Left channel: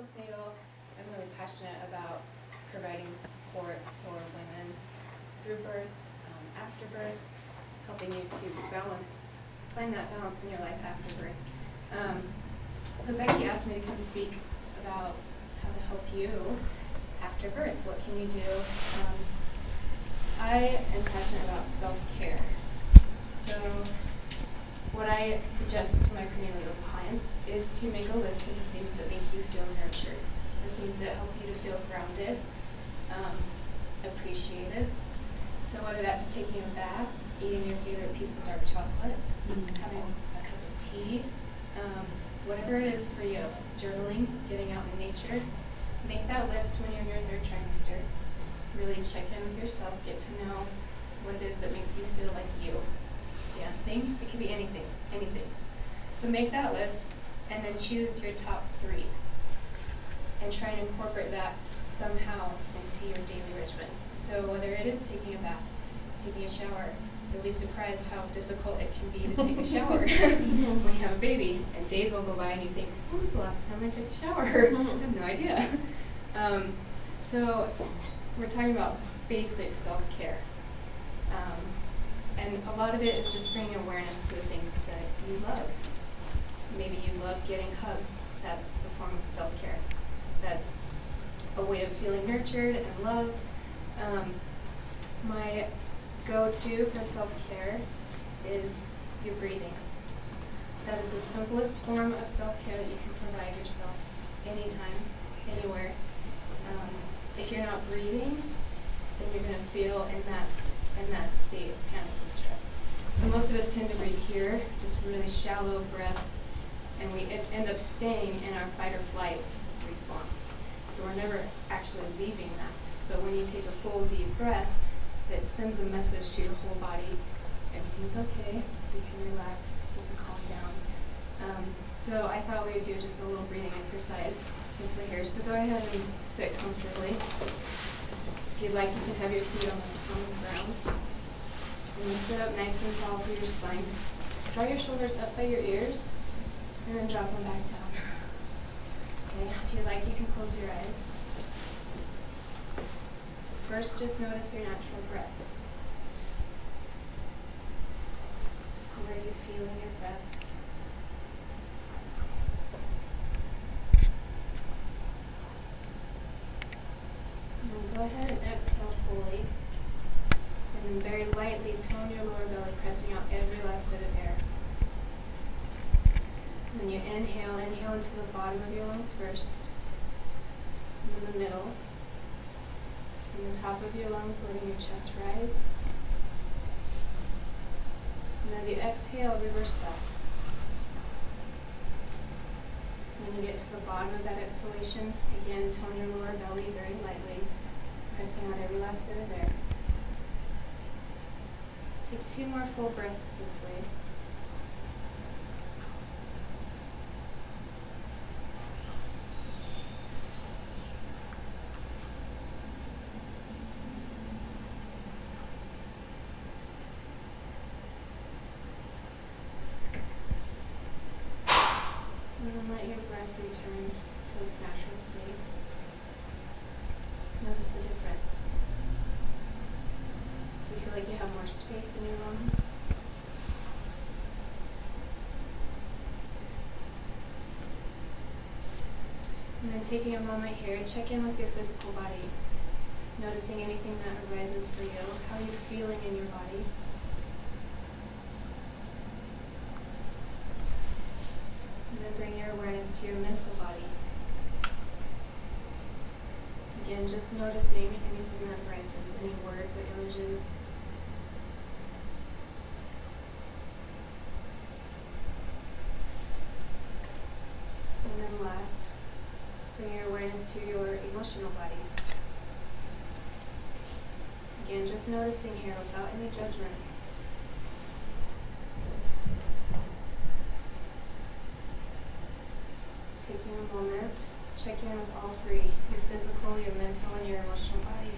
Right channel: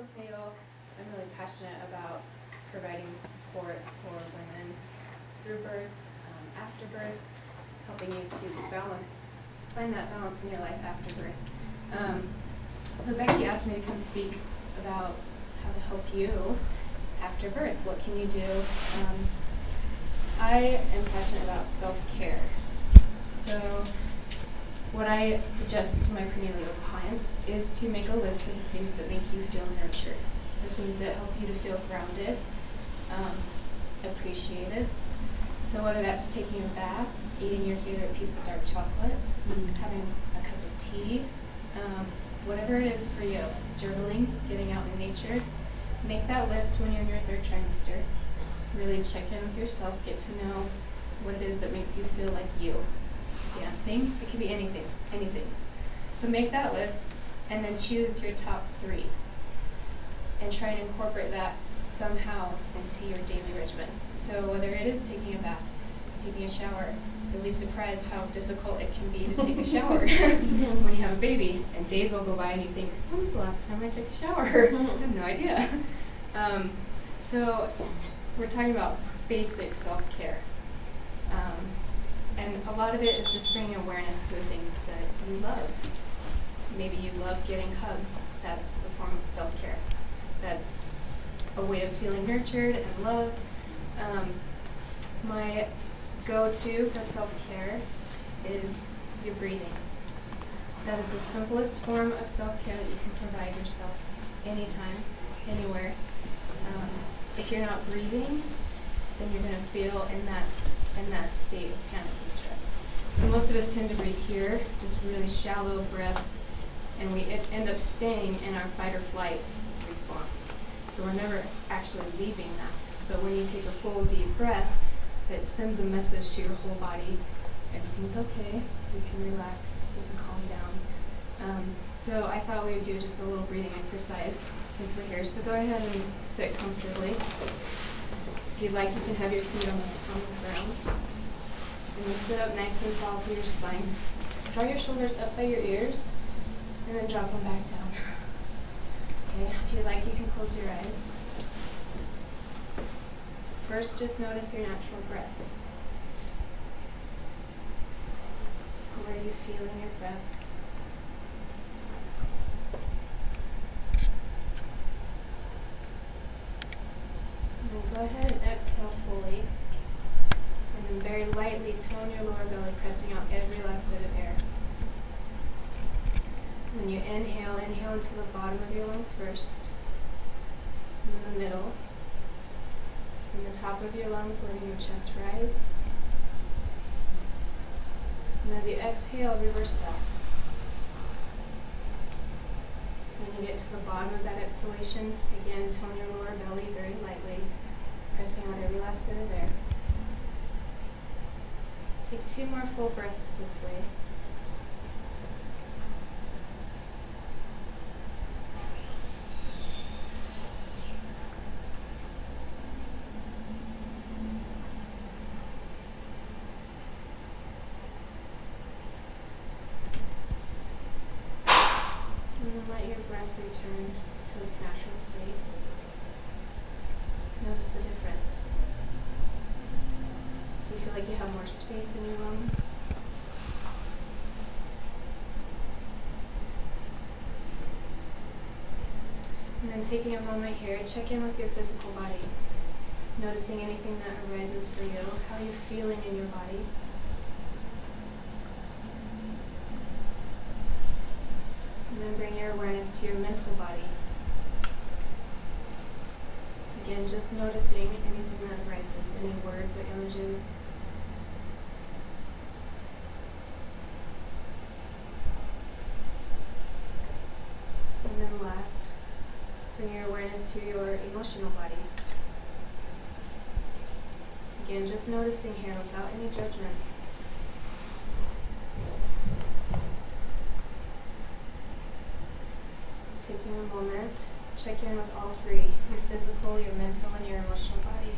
postnatal. I'm really passionate about providing support for women through birth, after birth, helping you to find that balance in your life after birth. So Becky asked me to come speak about how to help you after birth. What can you do? I am passionate about self-care. So what I suggest to my prenatal clients is to make a list of the things that make you feel nurtured, the things that help you to feel grounded, appreciated. So whether that's taking a bath, eating your favorite piece of dark chocolate, having a cup of tea, whatever it is for you, journaling, getting out in nature, make that list when you're in your third trimester. Really check in with yourself, get to know what it is that makes you feel like you. Dancing, it could be anything. So make that list and then choose your top 3 and try and incorporate that somehow into your daily regimen. So whether it is taking a bath, taking a shower, you'll be surprised how difficult it can be to take a shower when you have a baby. And days will go by and you think, when was the last time I took a shower? I have no idea. So we're talking about basic self-care. And a lot of it is just bringing awareness to the things that you love. Maybe you love getting hugs. That's a form of self-care. That's a way of feeling nurtured and loved. My go-to for self-care is your breathing. That is the simplest form of self-care that you can provide yourself anytime, anywhere. If you're not breathing, then you're going to feel in that state of panic and stress. So most of us tend to breathe here, just really shallow breaths, and we end up staying in our fight or flight response. So we're never actually leaving that. But when you take a full, deep breath, it sends a message to your whole body. Everything's okay. You can relax. You can calm down. So I thought we would do just a little breathing exercise since we're here. So go ahead and sit comfortably. If you'd like, you can have your feet on the ground. And then sit up nice and tall through your spine. Draw your shoulders up by your ears, and then drop them back down. Okay, if you'd like, you can close your eyes. First, just notice your natural breath. Where are you feeling your breath? And then go ahead and exhale fully. And then very lightly tone your lower belly, pressing out every last bit of air. When you inhale into the bottom of your lungs first, and then the middle, and the top of your lungs, letting your chest rise. And as you exhale, reverse that. When you get to the bottom of that exhalation, again, tone your lower belly very lightly, pressing out every last bit of air. Take 2 more full breaths this way. And then let your breath return to its natural state. Notice the difference. Do you feel like you have more space in your lungs? And then taking a moment here, check in with your physical body. Noticing anything that arises for you. How are you feeling in your body? And then bring your awareness to your mental body. Again, just noticing anything that arises, any words or images. And then last, bring your awareness to your emotional body. Again, just noticing here without any judgments. Taking a moment, check in with all 3, your physical, your mental, and your emotional body.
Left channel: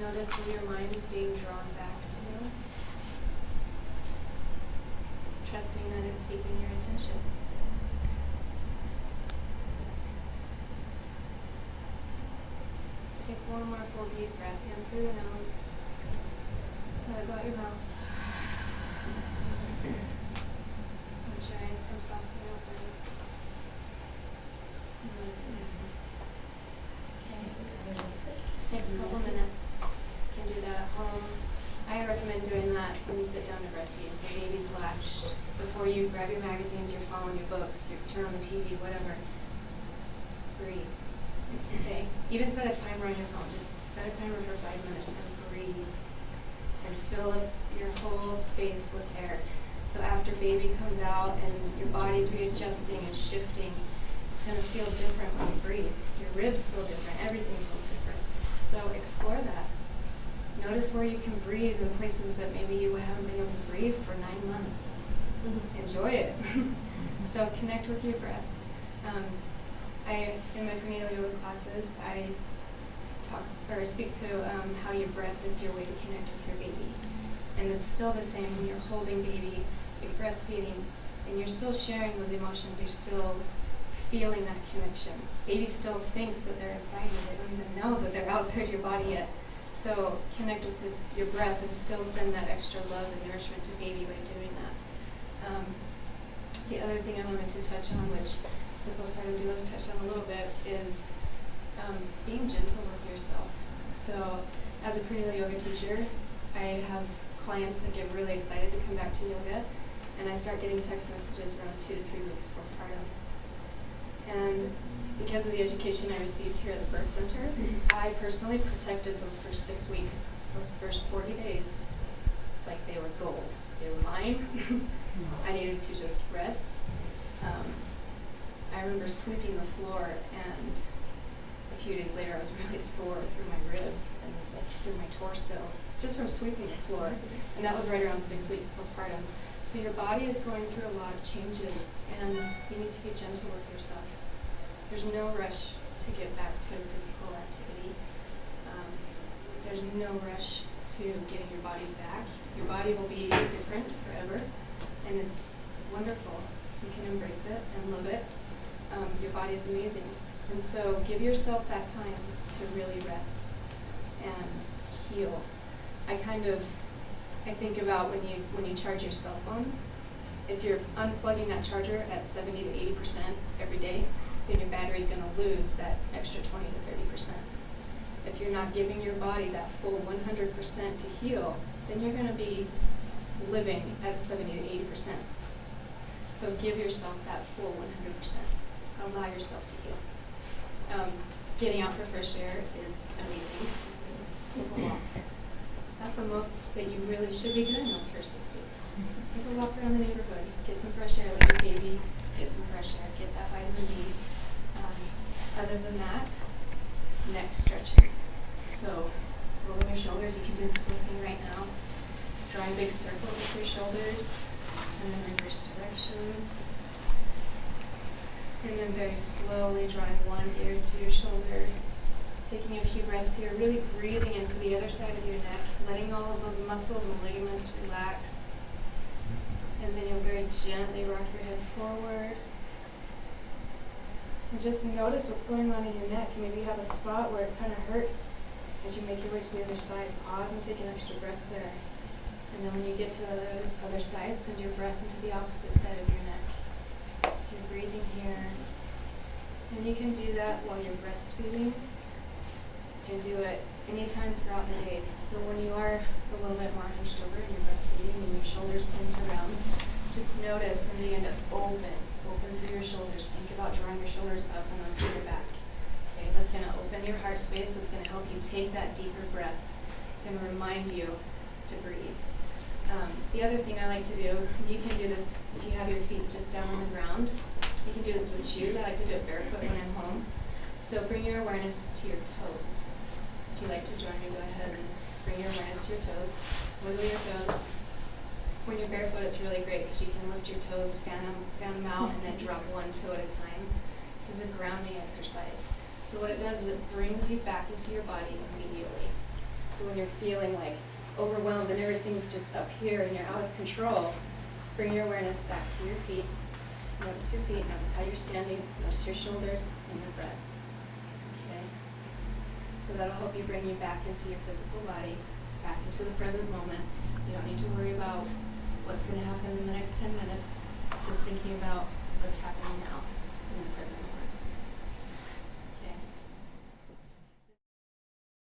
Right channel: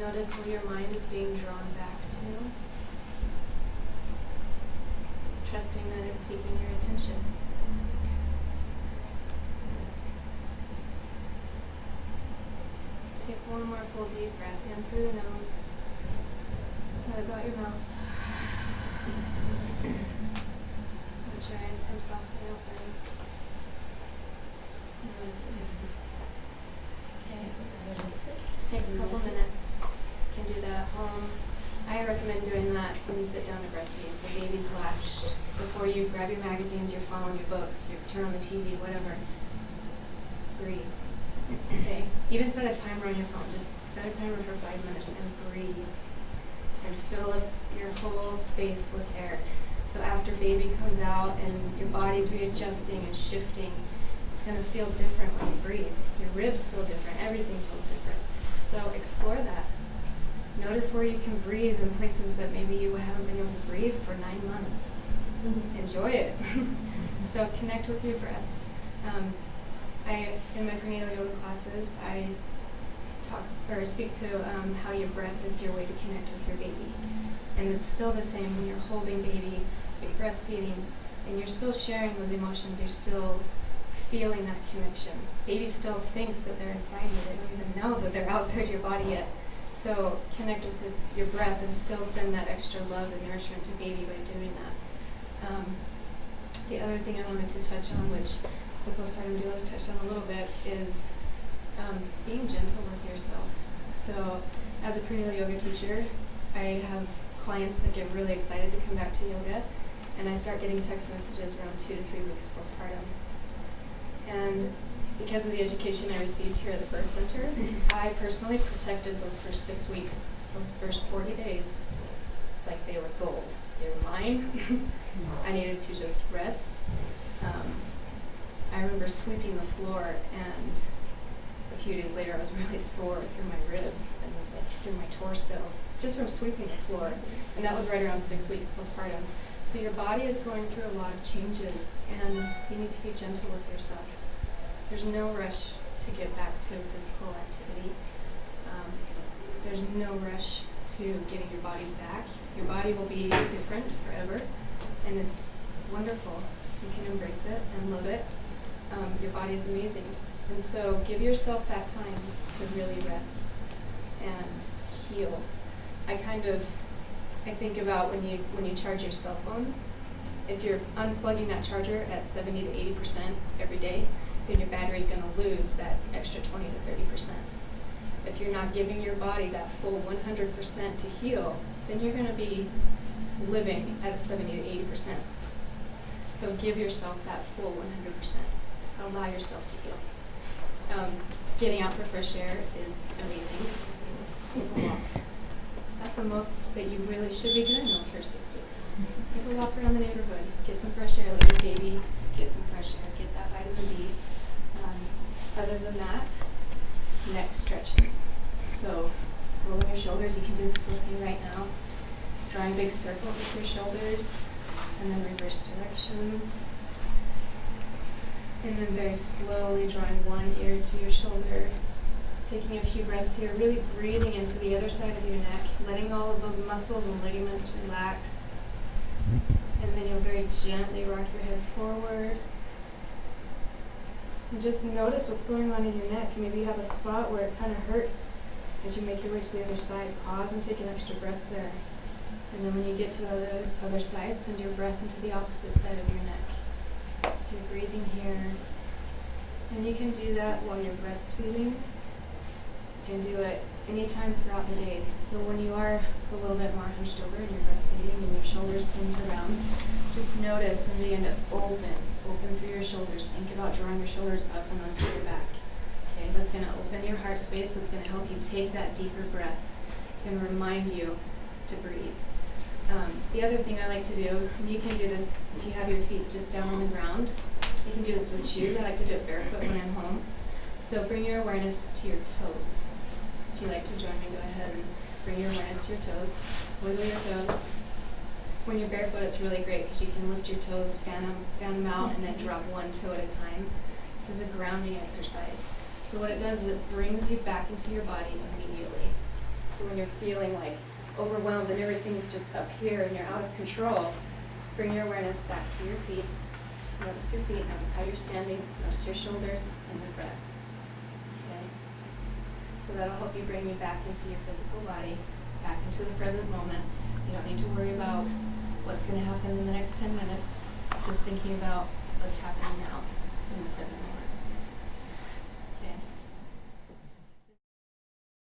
Notice where your mind is being drawn back to. Trusting that it's seeking your attention. Take one more full deep breath in through the nose. Let it go out your mouth. Let your eyes come softly open. Notice the difference. Okay. Just takes a couple minutes. You can do that at home. I recommend doing that when you sit down to breastfeed. So baby's latched. Before you grab your magazines, your phone, your book, you turn on the TV, whatever. Breathe. Okay. Even set a timer on your phone. Just set a timer for 5 minutes and breathe. And fill up your whole space with air. So after baby comes out and your body's readjusting and shifting, it's going to feel different when you breathe. Your ribs feel different. Everything feels different. So explore that. Notice where you can breathe in places that maybe you haven't been able to breathe for 9 months. Mm-hmm. Enjoy it. So connect with your breath. In my prenatal yoga classes, I speak to how your breath is your way to connect with your baby. And it's still the same when you're holding baby, you're breastfeeding, and you're still sharing those emotions, you're still feeling that connection. Baby still thinks that they're inside you, they don't even know that they're outside your body yet. So connect with your breath and still send that extra love and nourishment to baby by doing that. The other thing I wanted to touch on, which the postpartum doulas touched on a little bit, is being gentle with yourself. So as a prenatal yoga teacher, I have clients that get really excited to come back to yoga, and I start getting text messages around 2 to 3 weeks postpartum. And because of the education I received here at the birth center, I personally protected those first 6 weeks, those first 40 days, like they were gold. They were mine. I needed to just rest. I remember sweeping the floor, and a few days later I was really sore through my ribs and through my torso, just from sweeping the floor. And that was right around 6 weeks postpartum. So your body is going through a lot of changes, and you need to be gentle with yourself. There's no rush to get back to physical activity. There's no rush to getting your body back. Your body will be different forever, and it's wonderful. You can embrace it and love it. Your body is amazing. And so give yourself that time to really rest and heal. I think about when you charge your cell phone, if you're unplugging that charger at 70 to 80% every day, then your battery's going to lose that extra 20 to 30%. If you're not giving your body that full 100% to heal, then you're going to be living at a 70 to 80%. So give yourself that full 100%. Allow yourself to heal. Getting out for fresh air is amazing. Take a walk. That's the most that you really should be doing those first 6 weeks. Take a walk around the neighborhood. Get some fresh air with your baby. Get some fresh air. Get that vitamin D. Other than that, neck stretches. So rolling your shoulders. You can do this with me right now. Drawing big circles with your shoulders. And then reverse directions. And then very slowly drawing one ear to your shoulder. Taking a few breaths here, really breathing into the other side of your neck, letting all of those muscles and ligaments relax. And then you'll very gently rock your head forward. And just notice what's going on in your neck. Maybe you have a spot where it kind of hurts. As you make your way to the other side, pause and take an extra breath there. And then when you get to the other side, send your breath into the opposite side of your neck. So you're breathing here. And you can do that while you're breastfeeding. You can do it anytime throughout the day. So when you are a little bit more hunched over and you're breastfeeding and your shoulders tend to round, just notice and begin to open through your shoulders. Think about drawing your shoulders up and onto your back. Okay, that's going to open your heart space. That's going to help you take that deeper breath. It's going to remind you to breathe. The other thing I like to do, you can do this if you have your feet just down on the ground. You can do this with shoes. I like to do it barefoot when I'm home. So bring your awareness to your toes. If you like to join me, go ahead and bring your awareness to your toes. Wiggle your toes. When you're barefoot, it's really great because you can lift your toes, fan them out, and then drop one toe at a time. This is a grounding exercise. So what it does is it brings you back into your body immediately. So when you're feeling like overwhelmed and everything's just up here and you're out of control, bring your awareness back to your feet. Notice your feet, notice how you're standing, notice your shoulders and your breath. Okay. So that'll help you bring you back into your physical body, back into the present moment. You don't need to worry about what's going to happen in the next 10 minutes, just thinking about what's happening now in the present moment.